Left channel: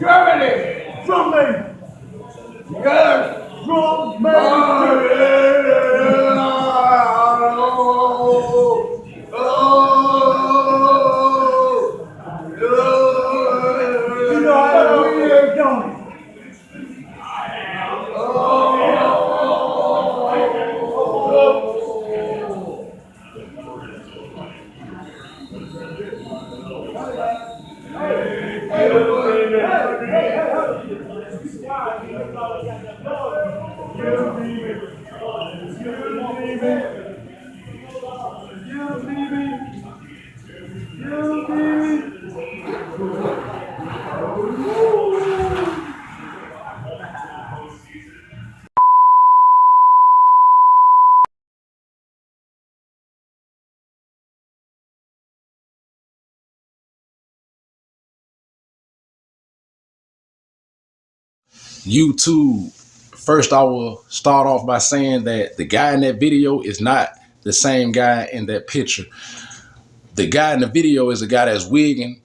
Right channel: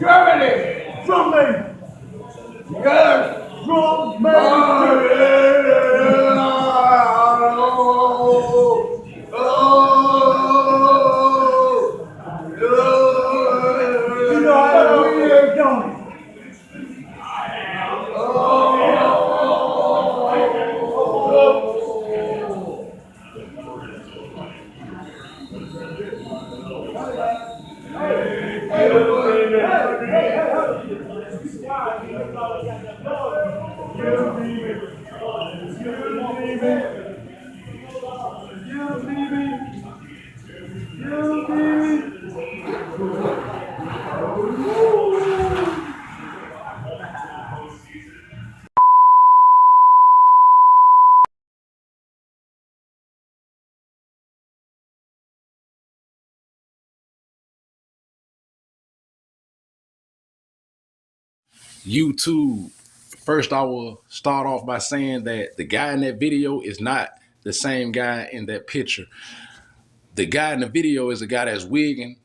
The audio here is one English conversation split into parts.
Germany. Drum me. Yes. Drum me. You know how to weird, don't you? YouTube. First, I will start off by saying that the guy in that video is not the same guy in that picture. The guy in the video is a guy that's wigging,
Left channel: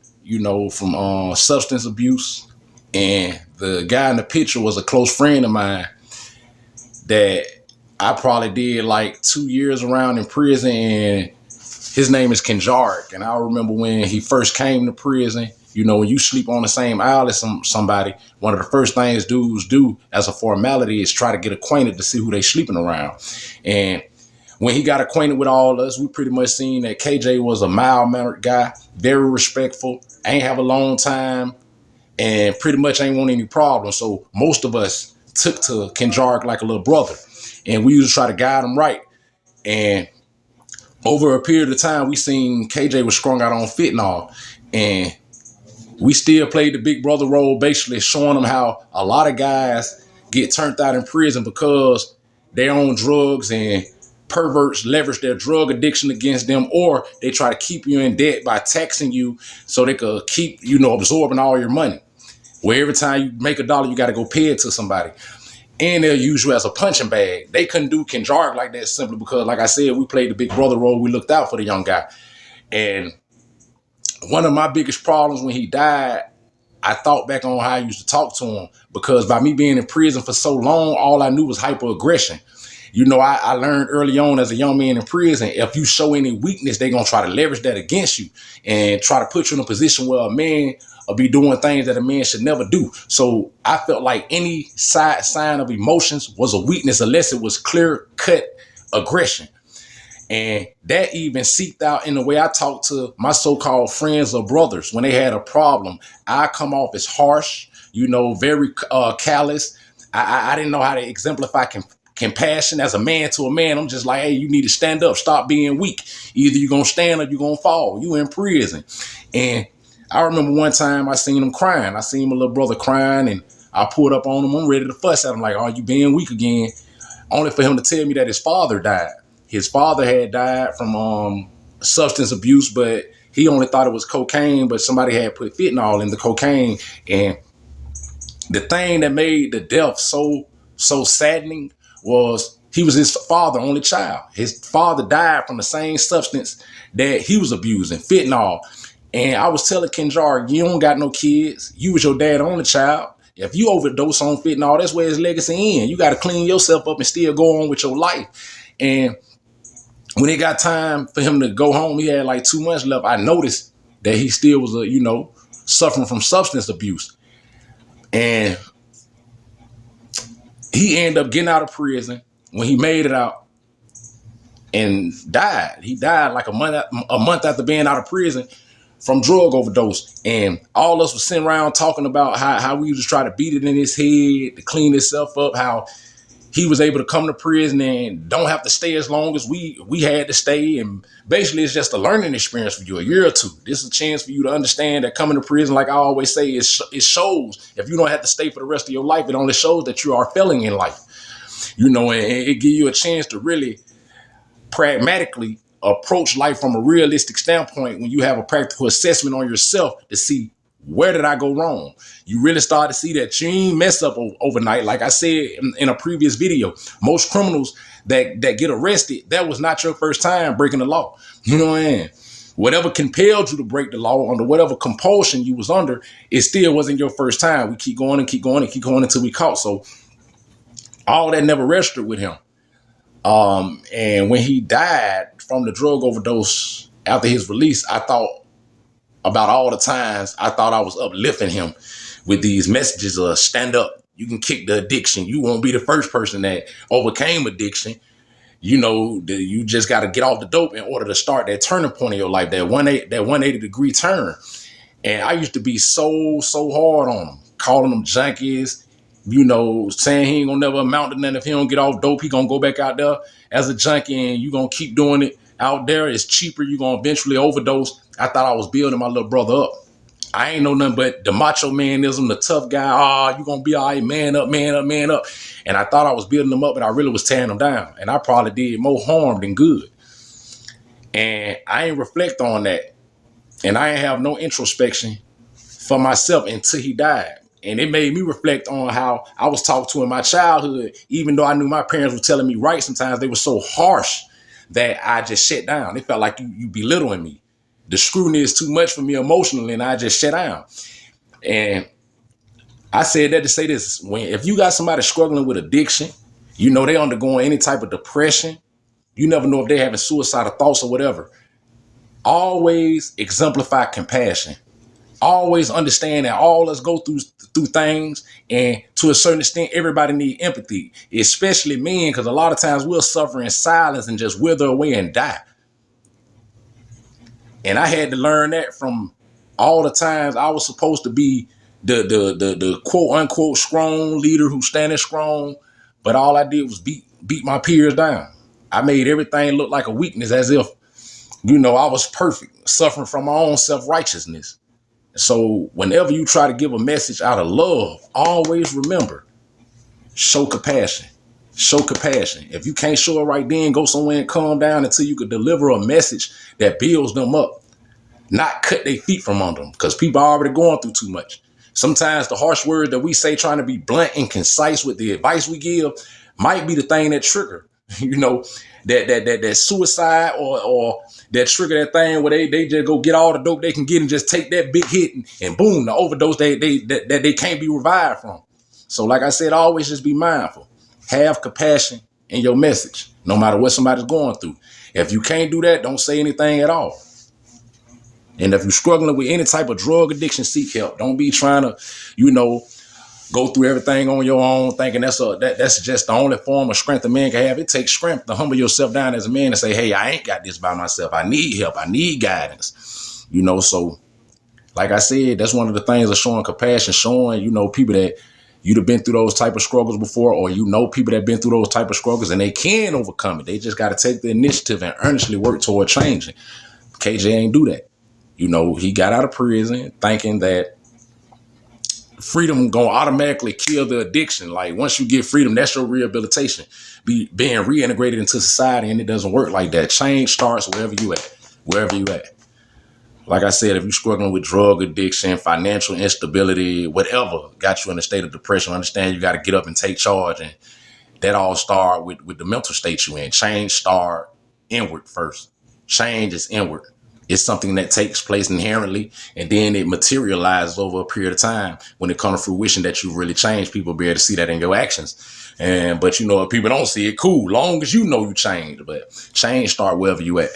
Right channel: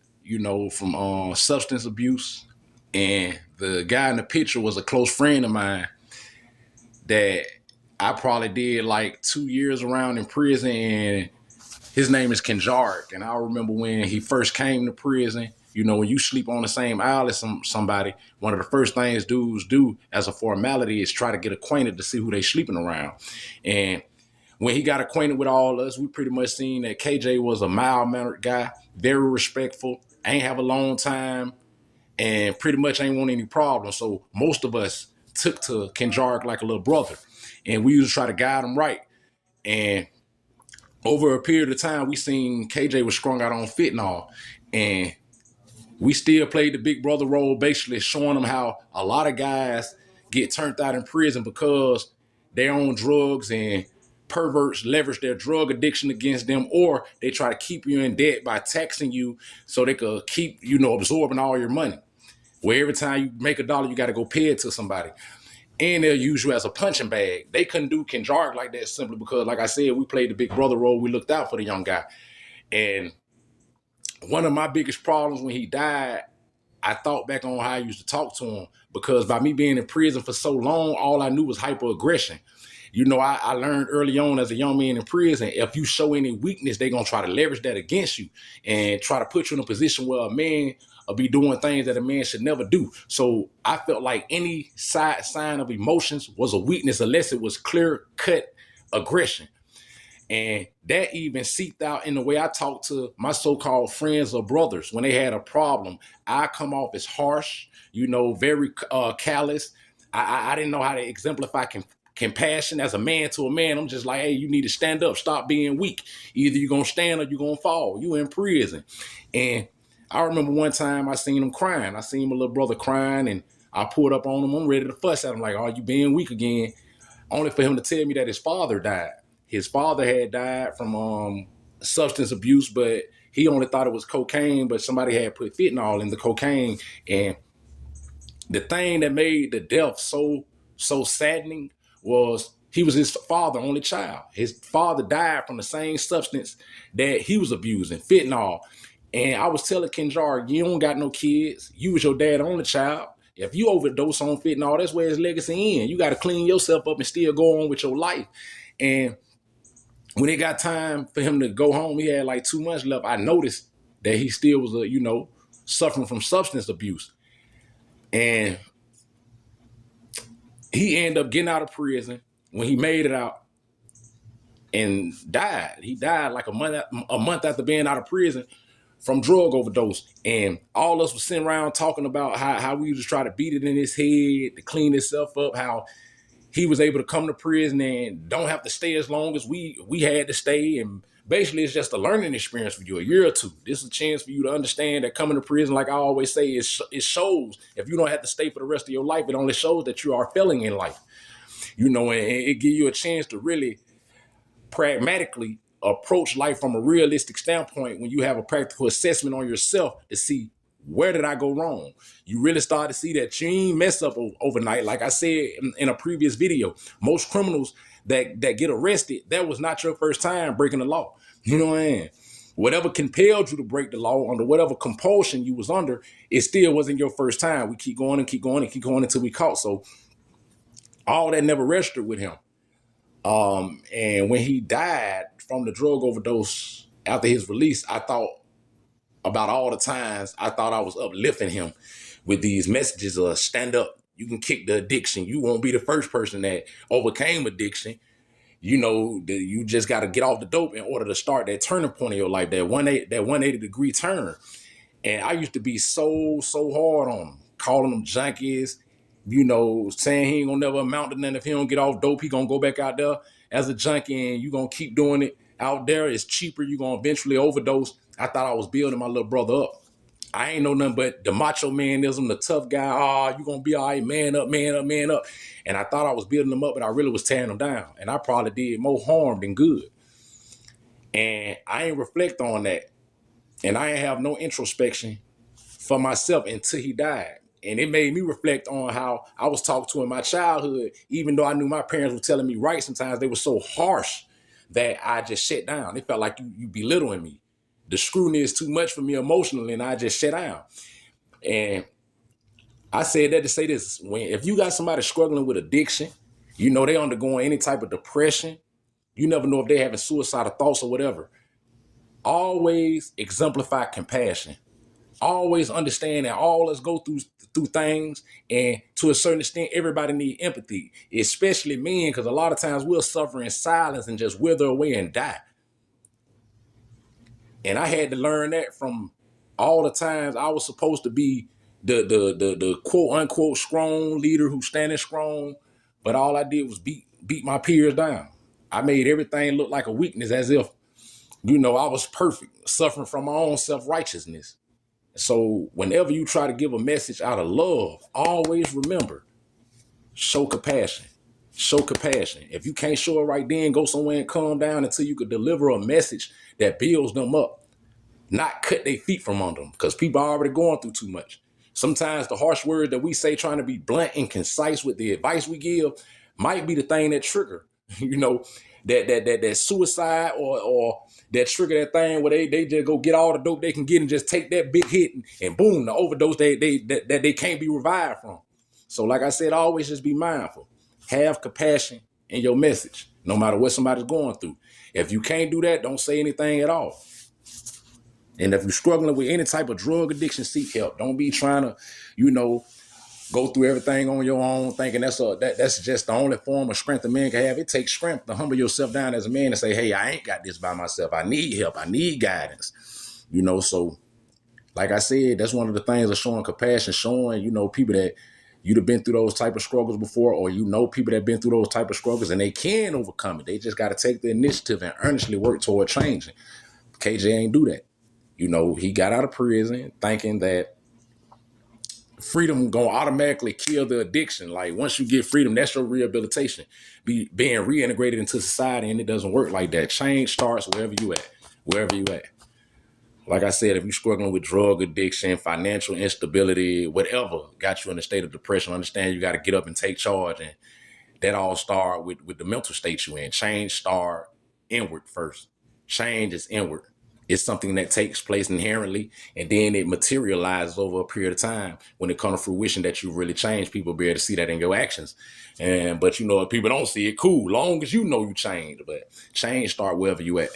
from substance abuse. And the guy in the picture was a close friend of mine that I probably did like 2 years around in prison. And his name is Kenjark. And I remember when he first came to prison, when you sleep on the same aisle as somebody, one of the first things dudes do as a formality is try to get acquainted to see who they sleeping around. And when he got acquainted with all of us, we pretty much seen that KJ was a mild-mannered guy, very respectful, ain't have a long time, and pretty much ain't want any problems. So most of us took to Kenjark like a little brother. And we used to try to guide him right. And over a period of time, we seen KJ was strung out on fentanyl. And we still played the big brother role, basically showing them how a lot of guys get turned out in prison because they're on drugs, and perverts leverage their drug addiction against them, or they try to keep you in debt by taxing you so they could keep, absorbing all your money. Where every time you make a dollar, you got to go pay it to somebody. And they'll use you as a punching bag. They couldn't do Kenjark like that simply because, like I said, we played the big brother role. We looked out for the young guy. And one of my biggest problems when he died, I thought back on how I used to talk to him, because by me being in prison for so long, all I knew was hyperaggression. I learned early on as a young man in prison, if you show any weakness, they're going to try to leverage that against you and try to put you in a position where a man will be doing things that a man should never do. So I felt like any sign of emotions was a weakness unless it was clear-cut aggression. And that even seeped out in the way I talk to my so-called friends or brothers. When they had a problem, I come off as harsh, very callous. I didn't know how to exemplify compassion as a man to a man. I'm just like, hey, you need to stand up. Stop being weak. Either you're going to stand or you're going to fall. You in prison. And I remember one time I seen him crying. I seen my little brother crying, and I pulled up on him. I'm ready to fuss at him like, oh, you being weak again? Only for him to tell me that his father died. His father had died from substance abuse, but he only thought it was cocaine, but somebody had put fentanyl in the cocaine. And the thing that made the death so saddening was he was his father, only child. His father died from the same substance that he was abusing, fentanyl. And I was telling Kenjar, you don't got no kids. You was your dad only child. If you overdose on fentanyl, that's where his legacy ends. You got to clean yourself up and still go on with your life. And when it got time for him to go home, he had like 2 months left. I noticed that he still was, suffering from substance abuse. And he ended up getting out of prison. When he made it out and died, he died like a month after being out of prison from drug overdose. And all of us was sitting around talking about how we used to try to beat it in his head to clean himself up, how he was able to come to prison and don't have to stay as long as we had to stay. And basically it's just a learning experience for you, a year or two. This is a chance for you to understand that coming to prison, like I always say, it shows if you don't have to stay for the rest of your life, it only shows that you are failing in life. And it gives you a chance to really pragmatically approach life from a realistic standpoint when you have a practical assessment on yourself to see, where did I go wrong? You really start to see that you ain't mess up overnight. Like I said in a previous video, most criminals that get arrested, that was not your first time breaking the law. You know what I mean? Whatever compelled you to break the law, under whatever compulsion you was under, it still wasn't your first time. We keep going and keep going and keep going until we caught. So all that never registered with him. And when he died from the drug overdose after his release, I thought about all the times I thought I was uplifting him with these messages of stand up. You can kick the addiction. You won't be the first person that overcame addiction. You know, you just got to get off the dope in order to start that turning point in your life, that 180-degree turn. And I used to be so hard on him, calling them junkies, you know, saying he ain't gonna never amount to nothing if he don't get off dope. He gonna go back out there as a junkie and you gonna keep doing it out there. It's cheaper. You gonna eventually overdose. I thought I was building my little brother up. I ain't know nothing but the macho manism, the tough guy. You gonna be all right, man up, man up, man up. And I thought I was building them up, and I really was tearing them down. And I probably did more harm than good. And I ain't reflect on that. And I ain't have no introspection for myself until he died. And it made me reflect on how I was talked to in my childhood. Even though I knew my parents were telling me right, sometimes they were so harsh that I just shut down. It felt like you belittling me. The scrutiny is too much for me emotionally, and I just shut down. And I said that to say this: if you got somebody struggling with addiction, you know they undergoing any type of depression, you never know if they're having suicidal thoughts or whatever. Always exemplify compassion. Always understand that all of us go through things, and to a certain extent, everybody need empathy, especially men, because a lot of times we'll suffer in silence and just wither away and die. And I had to learn that from all the times I was supposed to be the quote unquote strong leader who's standing strong, but all I did was beat my peers down. I made everything look like a weakness, as if, you know, I was perfect, suffering from my own self-righteousness. So whenever you try to give a message out of love, always remember, show compassion. Show compassion. If you can't show it right then, go somewhere and calm down until you can deliver a message that builds them up, not cut their feet from under them, because people are already going through too much. Sometimes the harsh words that we say, trying to be blunt and concise with the advice we give, might be the thing that trigger, you know, that suicide or that trigger that thing where they just go get all the dope they can get and just take that big hit and boom, the overdose that they can't be revived from. So like I said, always just be mindful. Have compassion in your message, no matter what somebody's going through. If you can't do that, don't say anything at all. And if you're struggling with any type of drug addiction, seek help. Don't be trying to, you know, go through everything on your own, thinking that's just the only form of strength a man can have. It takes strength to humble yourself down as a man and say, hey, I ain't got this by myself. I need help. I need guidance. You know, so like I said, that's one of the things of showing compassion, showing, you know, people that you'd have been through those type of struggles before, or you know people that have been through those type of struggles and they can overcome it. They just got to take the initiative and earnestly work toward changing. KJ ain't do that. You know, he got out of prison thinking that freedom gonna automatically kill the addiction. Like once you get freedom, that's your rehabilitation, being reintegrated into society, and it doesn't work like that. Change starts wherever you at. Like I said, if you're struggling with drug addiction, financial instability, whatever got you in a state of depression, understand you got to get up and take charge. And that all start with the mental state you're in. Change start inward first. Change is inward. It's something that takes place inherently, and then it materializes over a period of time. When it comes to fruition that you really change, people be able to see that in your actions. But you know, if people don't see it, cool, long as you know you change. But change start wherever you at.